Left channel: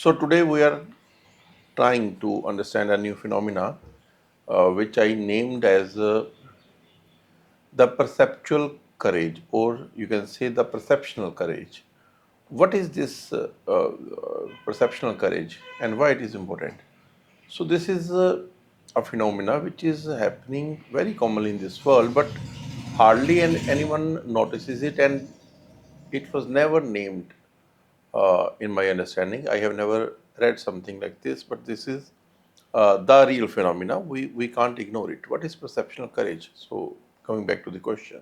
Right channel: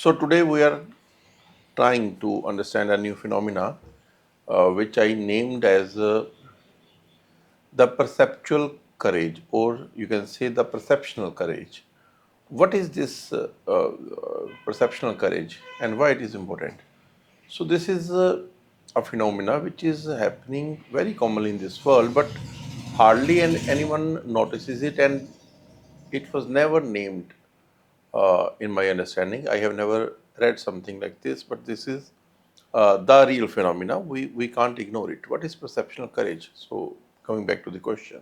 So today we are trying to understand a new phenomena, which I named as the perceptual courage, or you can say the perceptional courage. What is this perceptional courage, and why it is important? So this is a phenomena which is happening very commonly in this world, but hardly anyone notices it, and it was never named in my understanding. I have never read something like this, but this is the real phenomena. We can't ignore it. What is perceptional courage? So, coming back to the question,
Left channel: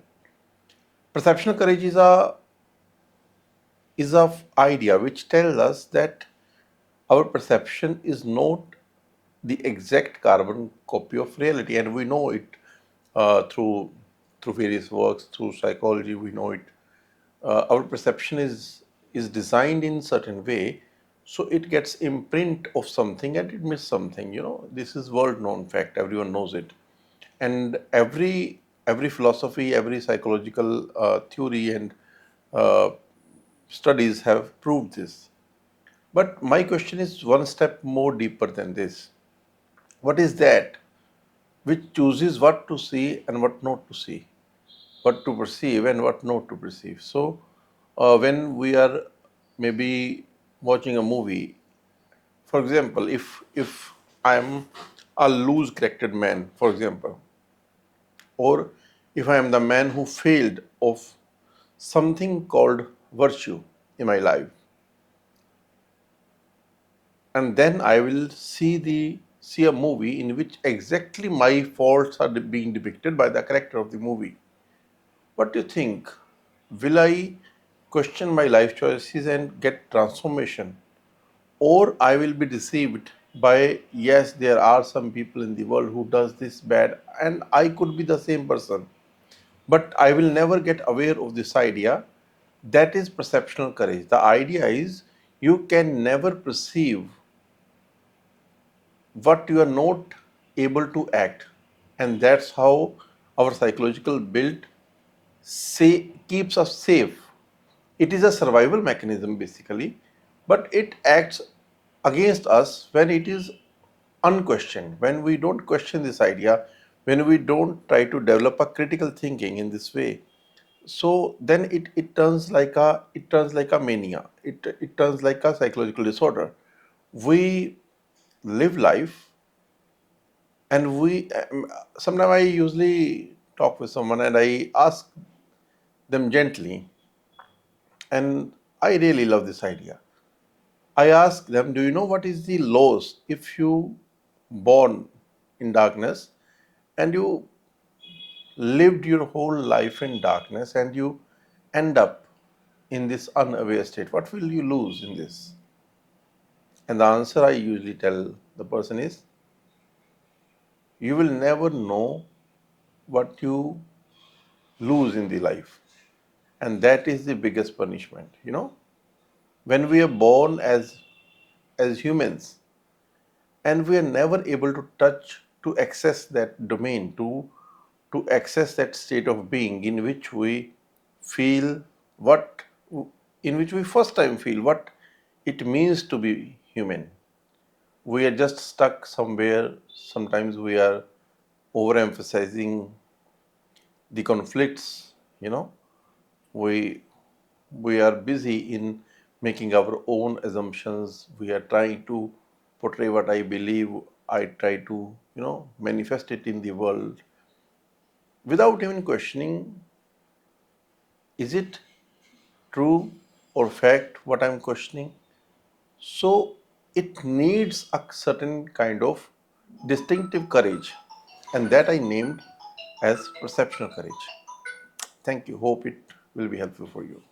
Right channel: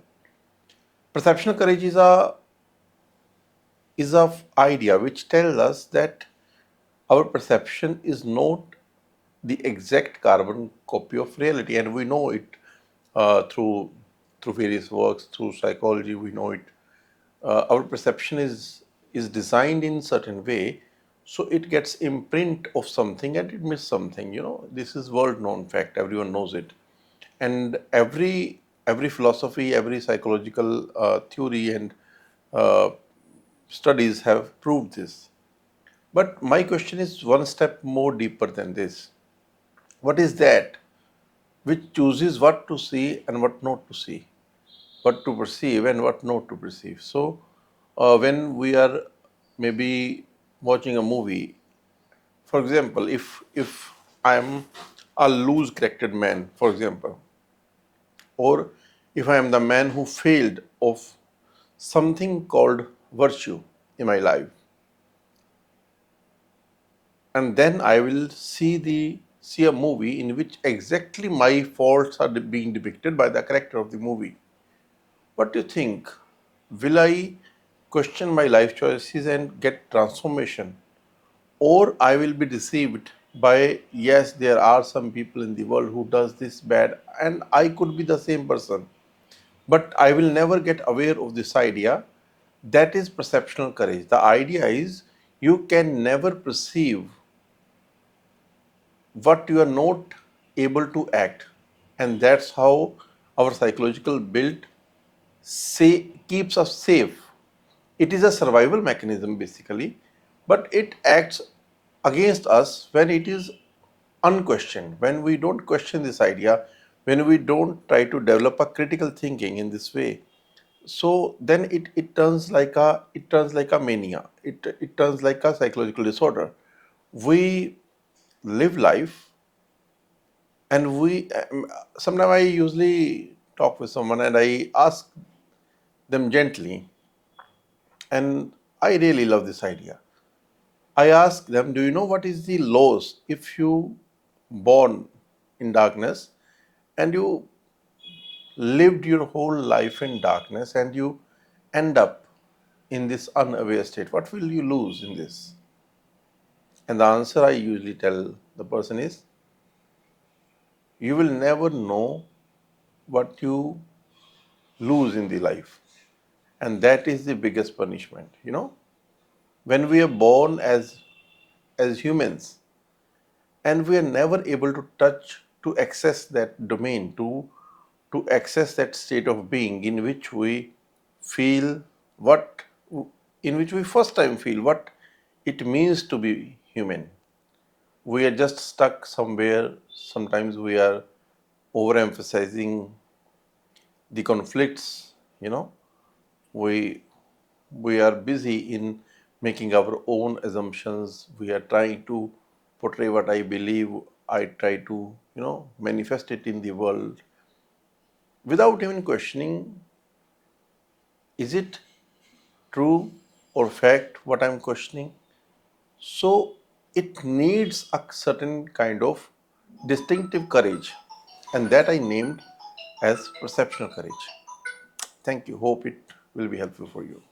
perceptional courage is a idea which tells us that our perception is not the exact carbon copy of reality, and we know it through various works, through psychology. We know it. Our perception is designed in certain way, so it gets imprint of something and it miss something. This is world known fact. Everyone knows it, and every philosophy, every psychological theory and uh, studies have proved this. But my question is one step more deeper than this. What is that which chooses what to see and what not to see, what to perceive and what not to perceive? So, when we are maybe watching a movie, for example, if I'm a loose charactered man, for example, or if I am the man who failed of something called virtue in my life, and then I will see a movie in which exactly my faults are being depicted by the character of the movie. What do you think? Will I question my life choices and get transformation, or I will be deceived by, yes, there are some people in the world who does this bad and I could be the same person, but I will never get aware of this idea. That is perceptional courage. The idea is you can never perceive what you are not able to act, and that's how our psychological build keeps us safe. It is a survival mechanism basically, but it acts against us when it is unquestioned, when we don't question this idea, when we don't try to develop a critical thinking in this way. So then it turns like a mania. It turns like a psychological disorder. We live life, and we sometimes I usually talk with someone and I ask them gently, and I really love this idea. I ask them, do you know what is the loss if you born in darkness and you lived your whole life in darkness and you end up in this unaware state? What will you lose in this? And the answer I usually tell the person is, you will never know what you lose in the life. And that is the biggest punishment. When we are born as humans, and we are never able to touch, to access that domain, to access that state of being in which we feel what in which we first time feel what it means to be human. We are just stuck somewhere. Sometimes we are overemphasizing the conflicts. We we are busy in making our own assumptions. We are trying to portray what I believe. I try to manifest it in the world without even questioning, is it true or fact what I'm questioning? So it needs a certain kind of distinctive courage, and that I named as perceptional courage. Thank you. Hope it will be helpful for you.